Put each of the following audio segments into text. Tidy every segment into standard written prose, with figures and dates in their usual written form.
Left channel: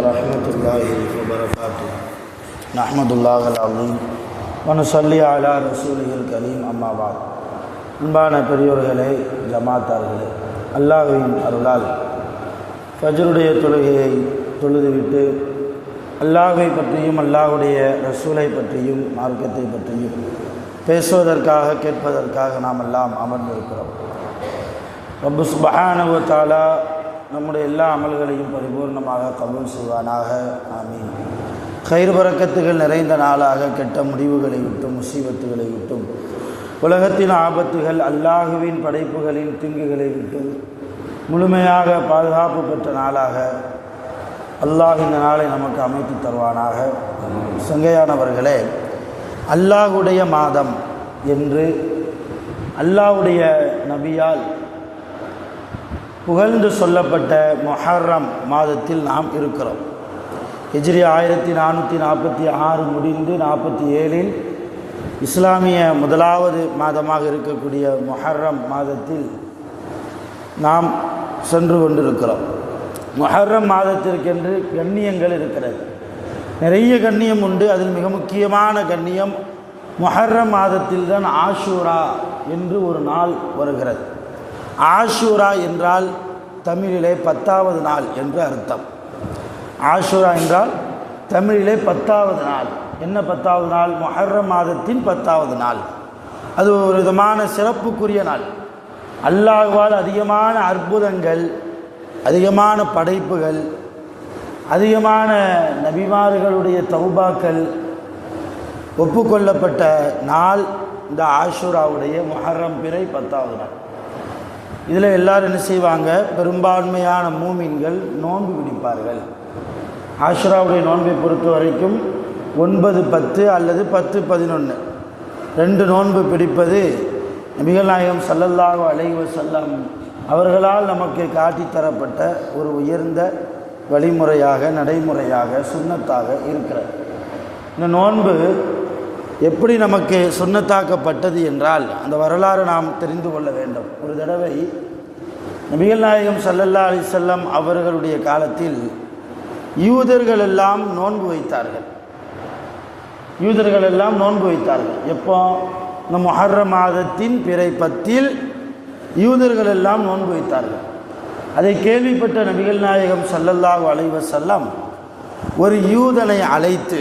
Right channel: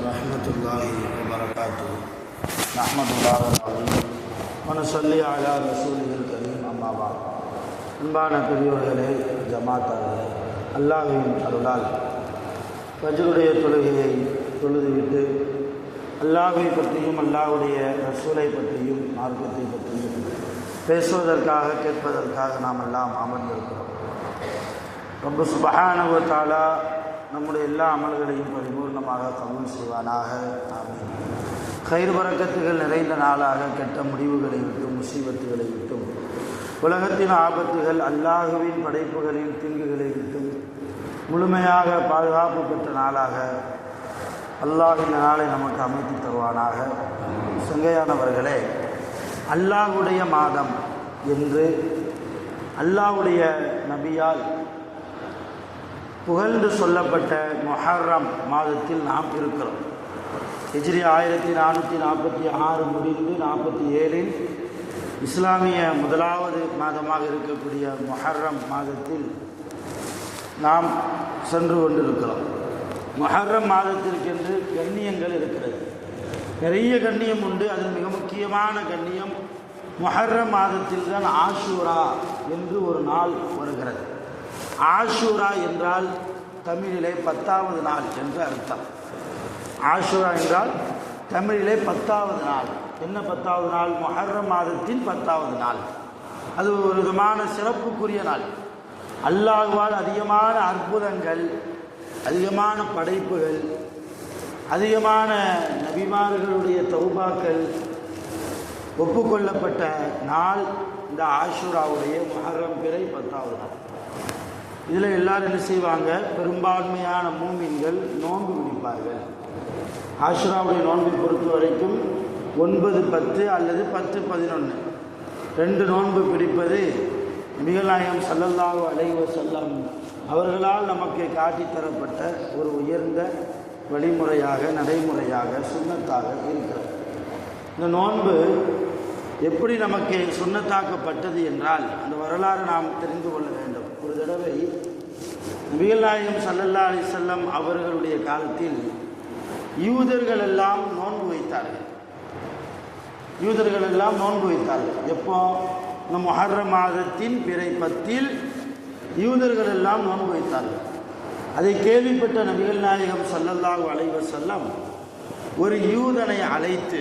ورحمة الله وبركاته نحمد الله العظيم ونصلي على رسوله الكريم أما بعد அன்பான பெரியோர்களே, ஜமாத்தார்களே, அல்லாஹ்வின் அருளால் ஃபஜ்ருடைய தொழுகையை தொழுதுவிட்டு அல்லாஹ்வை பற்றியும் அல்லாஹ்வுடைய ரசூலை பற்றியும் மார்க்கத்தை பற்றியும் பேசுவதற்காக கேட்பதற்காக நாம் எல்லாம் அமர்ந்திருக்கிறோம். ரப்பு சுப்ஹானஹு வ தஆலா நம்முடைய எல்லா அமல்களையும் பரிபூர்ணமாக கபூல் செய்வானாக. ஆமீன். கைர் பரக்கத்துகள் நிறைந்த நாளாக கெட்ட முடிவுகளை விட்டும் முசீபத்துகளை விட்டும் உலகத்தின் ஆபத்துகள் அல்லாஹுவின் படைப்புகளின் தீங்குகளை விட்டு முழுமையாக பாதுகாப்பு பெற்ற நாளாக அல்லாஹ் இந்த நாளை நமக்கு அமைத்து தருவானாக. சங்கையானவர்களே, அல்லாஹுடைய மாதம் என்று அல்லாஹுடைய நபியால் புகழ்ந்து சொல்லப்பட்ட முஹர்ரம் மாதத்தில் நாம் இருக்கிறோம். ஹிஜ்ரி 1446 முடிந்து 47இல் இஸ்லாமிய முதலாவது மாதமாக இருக்கக்கூடிய முஹர்ரம் மாதத்தில் நாம் சென்று கொண்டிருக்கிறோம். முஹர்ரம் மாதத்திற்கென்று கண்ணியங்கள் இருக்கிறது, நிறைய கண்ணியம் உண்டு. அதில் மிக முக்கியமான கண்ணியம் முஹர்ரம் மாதத்தில் தான் ஆஷூரா என்று ஒரு நாள் வருகிறது. ஆஷூரா என்றால் தமிழிலே 10வது நாள் என்று அர்த்தம். ஆஷூரா என்றால் தமிழிலே 10வது நாள். என்ன 10வது நாள்? முஹர்ரம் மாதத்தின் 10வது நாள். அது ஒரு விதமான சிறப்புக்குரிய நாள். அல்லாஹ்வால் அதிகமான அற்புதங்கள், அதிகமான படைப்புகள், அதிகமான நபிமார்களுடைய தௌபாக்கள் ஒப்புக்கொள்ளப்பட்ட நாள் இந்த ஆஷூராவுடைய முஹர்ரம் பிறை 10வது நாள். இதில் எல்லாரும் என்ன செய்வாங்க? பெரும்பான்மையான மூமின்கள் நோன்பு பிடிப்பார்கள். ஆஷூராவுடைய நோன்பை பொறுத்த வரைக்கும் 9, 10 அல்லது 10, 11 2 நோன்பு பிடிப்பது நபிகள் நாயகம் ஸல்லல்லாஹு அலைஹி வஸல்லம் அவர்களால் நமக்கு காட்டித்தரப்பட்ட ஒரு உயர்ந்த வழிமுறையாக, நடைமுறையாக, சுன்னத்தாக இருக்கிறது. இந்த நோன்பு எப்படி நமக்கு சுன்னத்தாக்கப்பட்டது என்றால் அந்த வரலாறு நாம் தெரிந்து கொள்ள வேண்டும். ஒரு தடவை நபிகள் நாயகம் ஸல்லல்லாஹு அலைஹி வஸல்லம் அவர்களுடைய காலத்தில் யூதர்கள் எல்லாம் நோன்பு வைத்தார்கள். யூதர்கள் எல்லாம் நோன்பு வைத்தார்கள். எப்போ? இந்த முஹர்ரம் மாதத்தின் பிறை 10இல் யூதர்கள் எல்லாம் நோன்பு வைத்தார்கள். அதை கேள்விப்பட்ட நபிகள் நாயகம் ஸல்லல்லாஹு அலைஹி வஸல்லம் ஒரு யூதனை அழைத்து,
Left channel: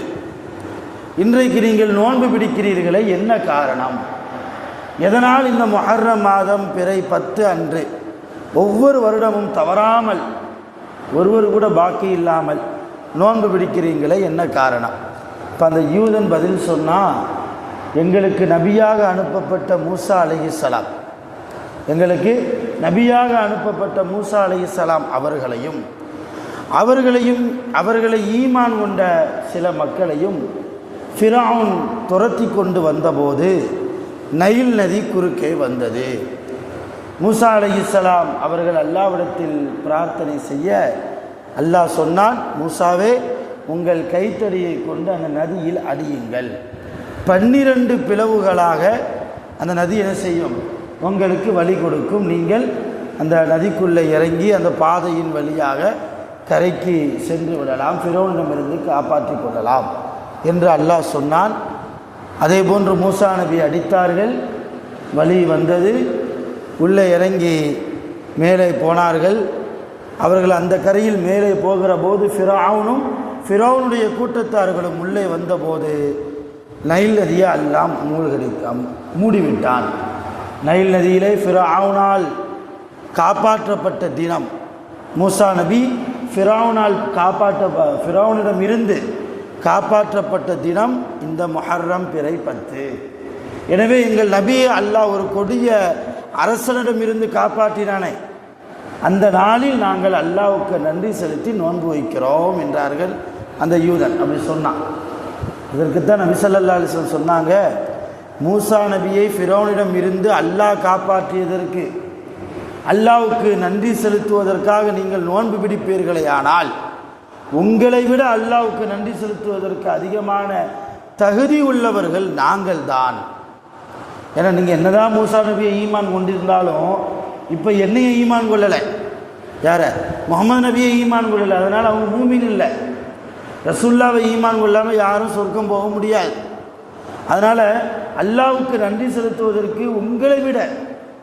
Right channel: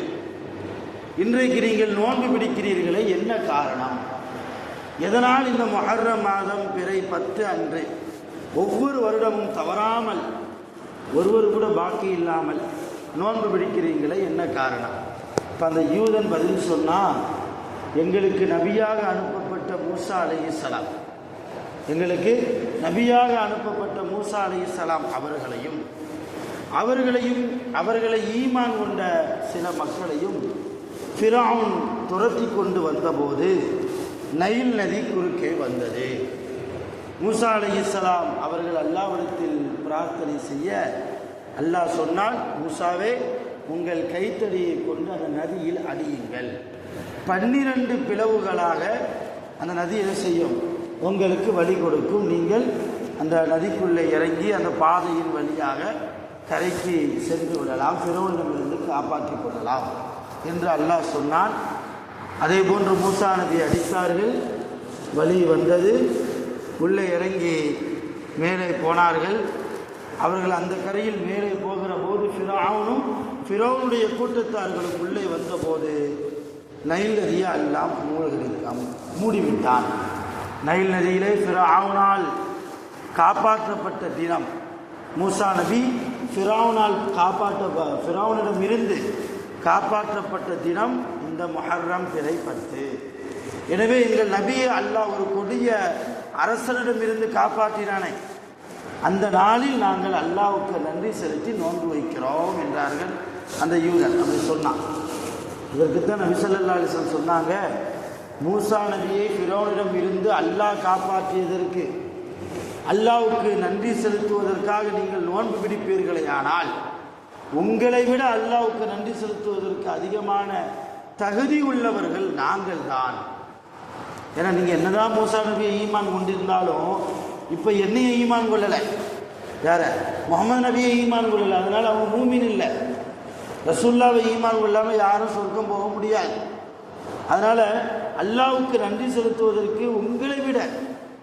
இன்றைக்கு நீங்கள் நோன்பு பிடிக்கிறீர்களே, என்ன காரணம்? எதனால் இந்த முஹர்ரம் மாதம் பிறை 10 அன்று ஒவ்வொரு வருடமும் தவறாமல் ஒருவர் கூட பாக்கி இல்லாமல் நோன்பு பிடிக்கிறீங்களே, என்ன காரணம்? இப்போ அந்த யூதன் பதில் சொன்னால், எங்களுக்கு நபியாக அனுப்பப்பட்ட மூசா அலைஹிஸ்ஸலாம், எங்களுக்கு நபியாக அனுப்பப்பட்ட மூசா அலைஹிஸ்ஸலாம் அவர்களை ஈமான் கொண்ட சில மக்களையும் ஃபிரௌன் துரத்தி கொண்டு வந்தபோது நைல் நதி குறுக்கே வந்தது. மூசா அலைஹிஸ்ஸலாம் அவர்கள் அல்லாஹ்விடத்தில் பிரார்த்தனை செய்ய அல்லாஹ் சொன்னான், மூசாவே, உங்கள் கைத்தடியை கொண்டு அந்த நதியில் அடியுங்கள். 12 பிளவுகளாக அந்த நதி என்ன செய்யும்? உங்களுக்கு வழி கொடுக்கும். நீங்கள் அந்த நதிக்குள்ளே இறங்கி அந்த பாதையின் வழியாக கரைக்கு சென்று விடலாம், ஃபிரௌனிடமிருந்து காப்பாற்றிக் கொள்ளலாம் என்று அல்லாஹ் சொன்னான். அதே போன்று மூசா நபி அடித்தார்கள், வழி வந்தது, உள்ளே இறங்கி மேலே போனார்கள். அவர்கள் அந்த கரையில் மேலே போகிற போது ஃபிரௌனுடைய கூட்டத்தார்களும் உள்ளே வந்தபோது நைல் நதியை எல்லாம் மூடிவிட்டான். நைல் நதியிலே ஃபிரௌனால் காப்பாற்றப்பட்ட தினம், மூசா நபி ஃபிரௌனிடம் இருந்து காப்பாற்றப்பட்ட தினம் இந்த முஹர்ரம் பிறை 10. எனவே எங்கள் நபியை அல்லாஹ் ஒரு கொடிய அரசனிடமிருந்து காப்பாற்றினானே, அந்த நாளில் நாங்கள் அல்லாஹ்வுக்கு நன்றி செலுத்தி நோன்பு வைக்கிறோம் என்றார்கள் அந்த யூதன். அப்படி சொன்னான். இதற்குத்தான் நபி ஸல்லல்லாஹு அலைஹி வஸல்லம் சொன்னாங்க, மூசா நபியை ஃபிரௌனிடம் இருந்து அல்லாஹ் காப்பாற்றியதற்கு, அல்லாஹ்வுக்கு நன்றி செலுத்துவதற்காக நீங்கள் நோன்பு பிடிப்பீர்களே, ஆனால் உங்களை விட அல்லாஹ்வுக்கு நன்றி செலுத்துவதற்கு அதிகமான தகுதி உள்ளவர்கள் நாங்கள் தான். ஏன்னா நீங்கள் என்னதான் மூசா நபியை ஈமான் கொண்டிருந்தாலும் இப்போ என்னையை ஈமான் கொள்ளலை, யார முகமது நபியை ஈமான் கொள்ளலை, அதனால் அவங்க மூமின் இல்லை. ரசூலுல்லாவை ஈமான் கொள்ளாமல் யாரும் சொர்க்கம் போக முடியாது. அதனால் அல்லாஹ்வுக்கு நன்றி செலுத்துவதற்கு உங்களை விட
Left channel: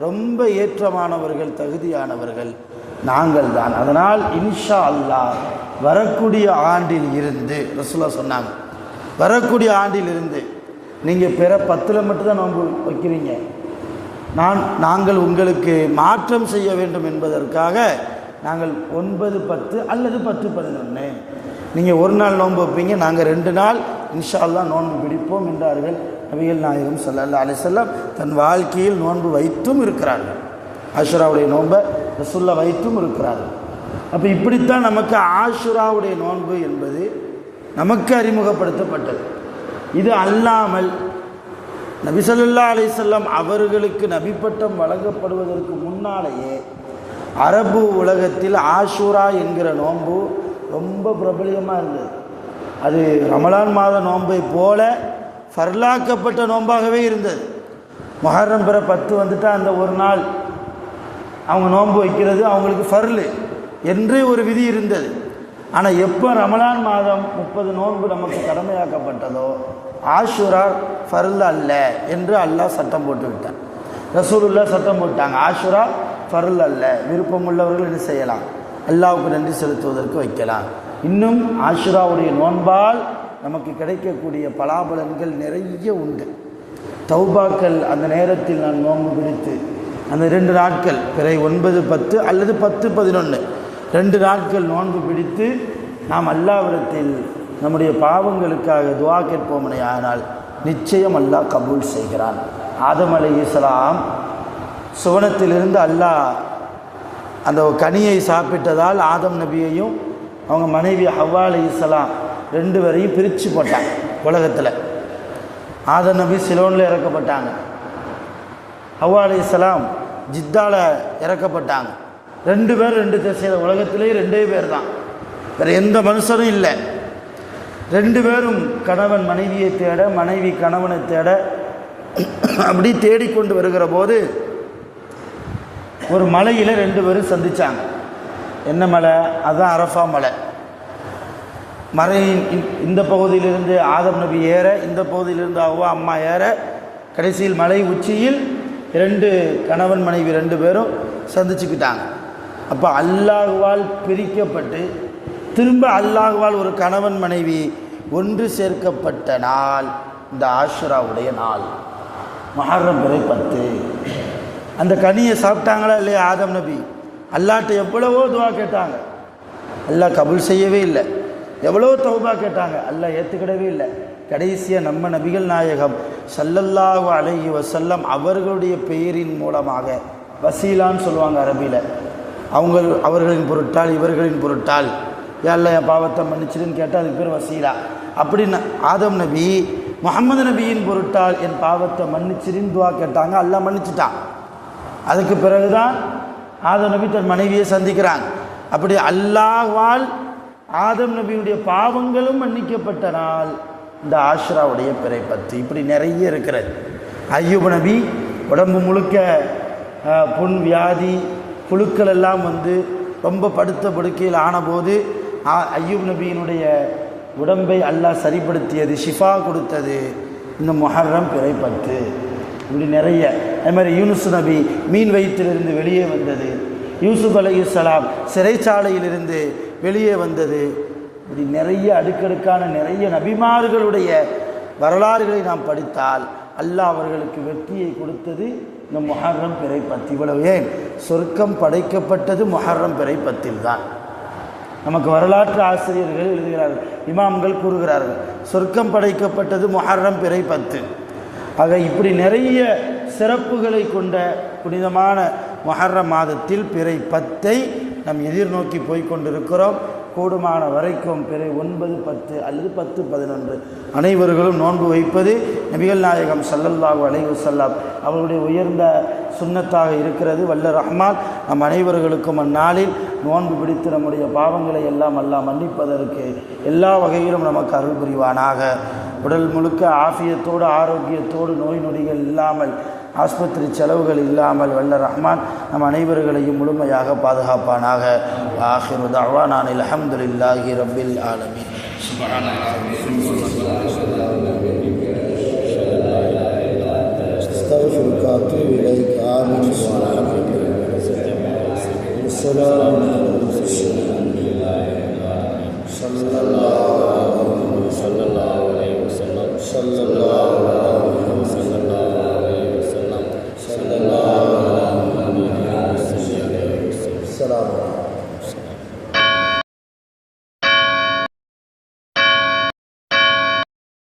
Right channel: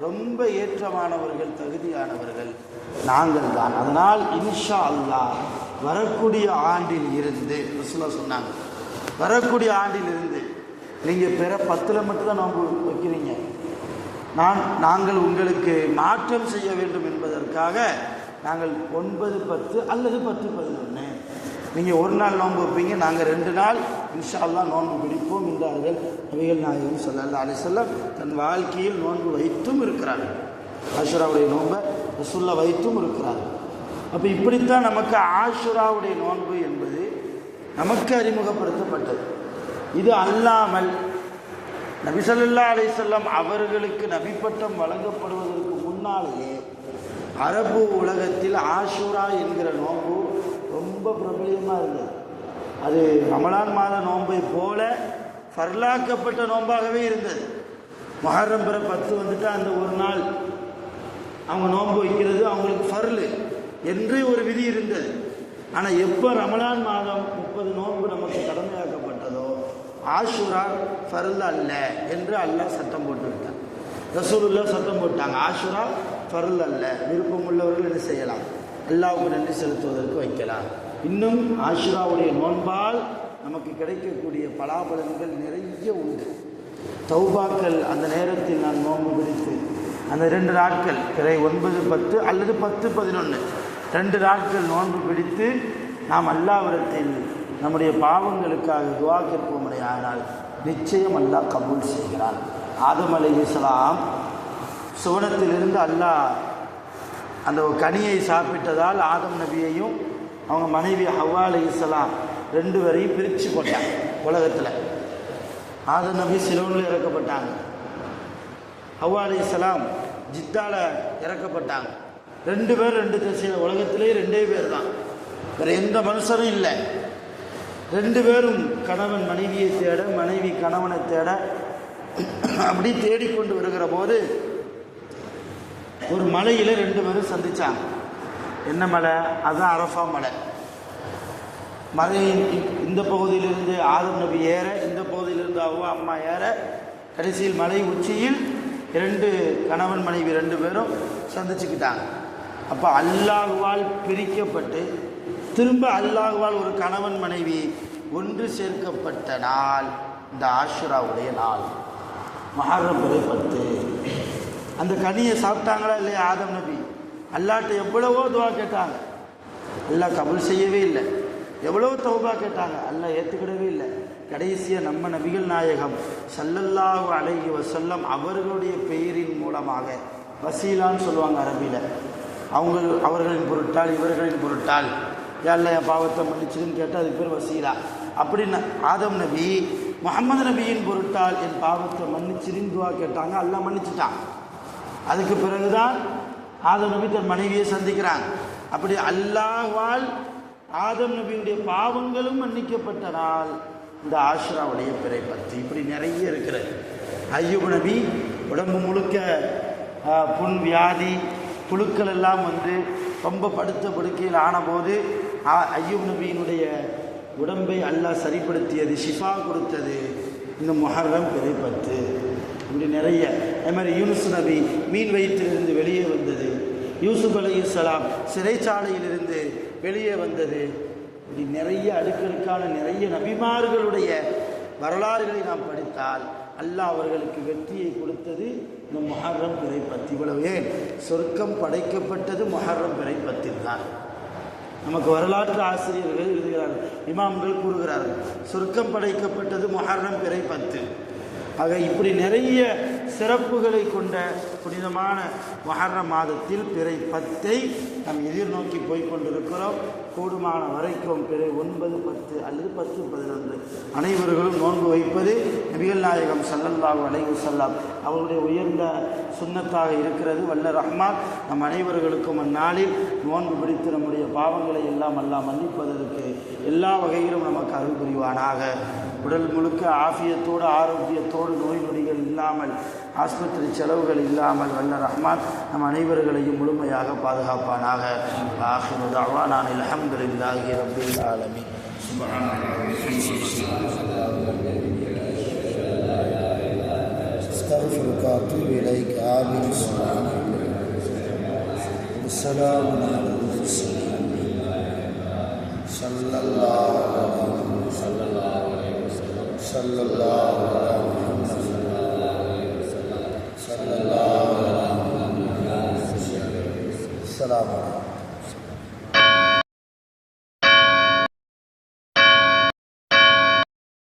ரொம்ப ஏற்றமானவர்கள், தகுதியானவர்கள் நாங்கள் தான். அதனால் இன்ஷா அல்லாஹ் வரக்கூடிய ஆண்டில் இருந்து ரசூலுல்லாஹ் சொன்னாங்க, வரக்கூடிய ஆண்டில் இருந்து நீங்கள் பிற 10 மட்டும்தான் நோன்பு வைக்கிறீங்க, நாங்கள் உங்களுக்கு மாற்றம் செய்ய வேண்டும் என்பதற்காக நாங்கள் 9, 10 அல்லது 10, 11 நீங்கள் ஒரு நாள் நோன்பு வைப்பீங்க, நாங்கள் 2 நாள் இன்ஷா அல்லாஹ் நோன்பு பிடிப்போம் என்றார்கள் நபிகள் நாயகம் ஸல்லல்லாஹு அலைஹி வஸல்லம். தன் வாழ்க்கையில் நோன்பு வைத்தும் இருக்கிறார்கள். ஆஷுராவுடைய நோன்பை ரசூலுல்லாஹ் வைத்தும் இருக்கிறார்கள். அப்போ இப்படித்தான் நமக்கு ஆஷுராவுடைய நோன்பு என்பது நமக்கு அறிமுகப்படுத்தப்பட்டது. இது அல்லாமல் நபி ஸல்லல்லாஹு அலைஹி வஸல்லம் அவர்களுக்கு நபிப்பட்டம் வழங்கப்படுவதற்கு முன்னாலேயே அரபு உலகத்தில் ஆஷூரா என்கிற நோன்பு ரொம்ப பிரபலியமாக இருந்தது. அது ரமலான் மாத நோன்பை போல ஃபர்லாக்கப்பட்ட நோன்பாகவே இருந்தது. முஹர்ரம் பிற 10 வந்துட்டால் அந்த ஒரு நாள் அவங்க நோன்பு வைக்கிறது அவங்களுக்கு ஃபர்லு என்று ஒரு விதி இருந்தது. ஆனால் எப்போ ரமலான் மாதம் 30 நோன்பு நமக்கு கடமையாக்கப்பட்டதோ ஆஷூரா ஃபர்ல் அல்ல என்று அல்லாஹ் சட்டம் போட்டு விட்டான். ரசூலுல்லாஹ் சட்டம் போட்டாங்க, ஆஷூரா ஃபர்ல் அல்ல, விருப்பமுள்ளவர்கள் என்ன செய்யலாம், அல்லாஹ்வுக்கு நன்றி செலுத்துவதற்கு வைக்கலாம். இன்னும் ஆஷுராவுடைய நோன்பால் நமக்கு கிடைக்கக்கூடிய பலாபலன்கள் நிறைய உண்டு. தௌபாக்கள் அந்த நேரத்தில் நான் நோன்பு பிடித்து அந்த 2 நாட்கள் பிறை 9, 10 அல்லது 10, 11 2 நாட்கள் நோன்பு பிடித்து நாம் அல்லாஹ்விடத்தில் நம்முடைய பாவங்களுக்காக துஆ கேட்போமே ஆனால் நிச்சயம் அல்லாஹ் கபூல் செய்கிறான். ஆதம் அலைஹிஸ்ஸலாம் சுவனத்திலிருந்து அல்லாஹ் அந்த கனியை சாப்பிட்டதால் ஆதம் நபியையும் அவங்க மனைவி ஹவ்வா அலைஹிஸ்ஸலாம் 2 பேரையும் பிரித்து போட்டாங்க உலகத்தில். ஆதம் நபி சிலோனில் இறக்கப்பட்டாங்க, ஹவ்வா அலைஹிஸ்ஸலாம் ஜித்தாவில் இறக்கப்பட்டாங்க. 2 பேர் 2 திசையில், உலகத்திலே 2 பேர் தான், வேறு எந்த மனுஷரும் இல்லை. 2 பேரும் கணவன் மனைவியை தேட, மனைவி கணவனை தேட அப்படி தேடிக்கொண்டு வருகிற போது ஒரு மலையில் 2 பேரும் சந்தித்தாங்க. என்ன மலை? அதுதான் அரஃபா மலை. மலையின் இந்த பகுதியிலிருந்து ஆதம் நபி ஏற, இந்த பகுதியிலிருந்து அவ்வா அம்மா ஏற, கடைசியில் மலை உச்சியில் 2 கணவன் மனைவி 2 பேரும் சந்திச்சுக்கிட்டாங்க. அப்போ அல்லாஹ்வால் பிரிக்கப்பட்டு திரும்ப அல்லாஹ்வால் ஒரு கணவன் மனைவி ஒன்று சேர்க்கப்பட்ட நாள் இந்த ஆஷுராவுடைய நாள், முஹர்ரம் பிறை 10. அந்த கனியை சாப்பிட்டாங்களா இல்லையா ஆதம் நபி? அல்லாஹ்ட்ட எவ்வளவோ துவா கேட்டாங்க, அல்லாஹ் கபூல் செய்யவே இல்லை. எவ்வளோ தௌபா கேட்டாங்க, அல்லாஹ் ஏற்றுக்கிடவே இல்லை. கடைசியாக நம்ம நபிகள் நாயகம் ஸல்லல்லாஹு அலைஹி வஸல்லம் அவர்களுடைய பெயரின் மூலமாக, வசீலான்னு சொல்லுவாங்க அரபியில், அவர்களின் பொருட்டால் இவர்களின் பொருட்டால் யாரில் என் பாவத்தை மன்னிச்சிருன்னு கேட்டால் அதுக்கு பேர் வசீலா. அப்படின்னு ஆதம் நபி முஹம்மது நபியின் பொருட்டால் என் பாவத்தை மன்னிச்சிருன்னு துவா கேட்டாங்க, அல்லாஹ் மன்னிச்சிட்டான். அதுக்கு பிறகுதான் ஆதம் நபி தன் மனைவியை சந்திக்கிறாங்க. அப்படி அல்லாஹ்வால் ஆதம் நபியுடைய பாவங்களும் மன்னிக்கப்பட்ட நாள் இந்த ஆஷுராவுடைய பிறை 10. இப்படி நிறைய இருக்கிறது. அய்யூப் நபி உடம்பு முழுக்க புண், வியாதி, புழுக்கள் எல்லாம் வந்து ரொம்ப படுத்த படுக்கையில் ஆனபோது அய்யூப் நபியினுடைய உடம்பை அல்லாஹ் சரிப்படுத்தியது, ஷிஃபா கொடுத்தது இந்த முஹர்ரம் பிறை 10. இப்படி நிறைய. அது மாதிரி யூனுஸ் நபி மீன் வயிற்றிலிருந்து வெளியே வந்தது, யூசுப் அலைஹிஸ்ஸலாம் சிறைச்சாலையிலிருந்து வெளியே வந்தது. இப்படி நிறைய அடுக்கடுக்கான நிறைய நபிமார்களுடைய வரலாறுகளை நாம் படித்தால் அல்லாஹ் அவர்களுக்கு வெற்றியை கொடுத்தது இந்த முஹர்ரம் பிறை 10. இவ்வளவு ஏன் சொர்க்கம் படைக்கப்பட்டது முஹர்ரம் பிறை 10 தான். நமக்கு வரலாற்று ஆசிரியர்கள் எழுதுகிறார்கள், இமாம்கள் கூறுகிறார்கள், சொர்க்கம் படைக்கப்பட்டது முஹர்ரம் பிறை 10. ஆக இப்படி நிறைய சிறப்புகளை கொண்ட புனிதமான முஹர்ரம் மாதத்தில் பிறை 10 நாம் எதிர்நோக்கி போய்கொண்டிருக்கிறோம். கூடுமான வரைக்கும் பிறை 9, 10 அல்லது 10, 11 அனைவர்களும் நோன்பு வைப்பது நபிகள் நாயகம் ஸல்லல்லாஹு அலைஹி வஸல்லம் அவர்களுடைய உயர்ந்த சுன்னத்தாக இருக்கிறது. வல்ல ரஹ்மான் நம் அனைவர்களுக்கும் அந்நாளில் நோன்பு பிடித்து நம்முடைய பாவங்களை எல்லாம் அல்லாஹ் மன்னிப்பதற்கு எல்லா வகையிலும் நமக்கு அருள் புரிவானாக. உடல் முழுக்க ஆஃபியத்தோடு ஆரோக்கியத்தோடு நோய் நொடிகள் இல்லாமல் ஆஸ்பத்திரி செலவுகள் இல்லாமல் வல்ல ரஹ்மான் நம் அனைவர்களையும் முழுமையாக பாதுகாப்பானாக. ஆகிரு தஅவானா அல்ஹம்துலில்லாஹி ரப்பில் ஆலமீன்.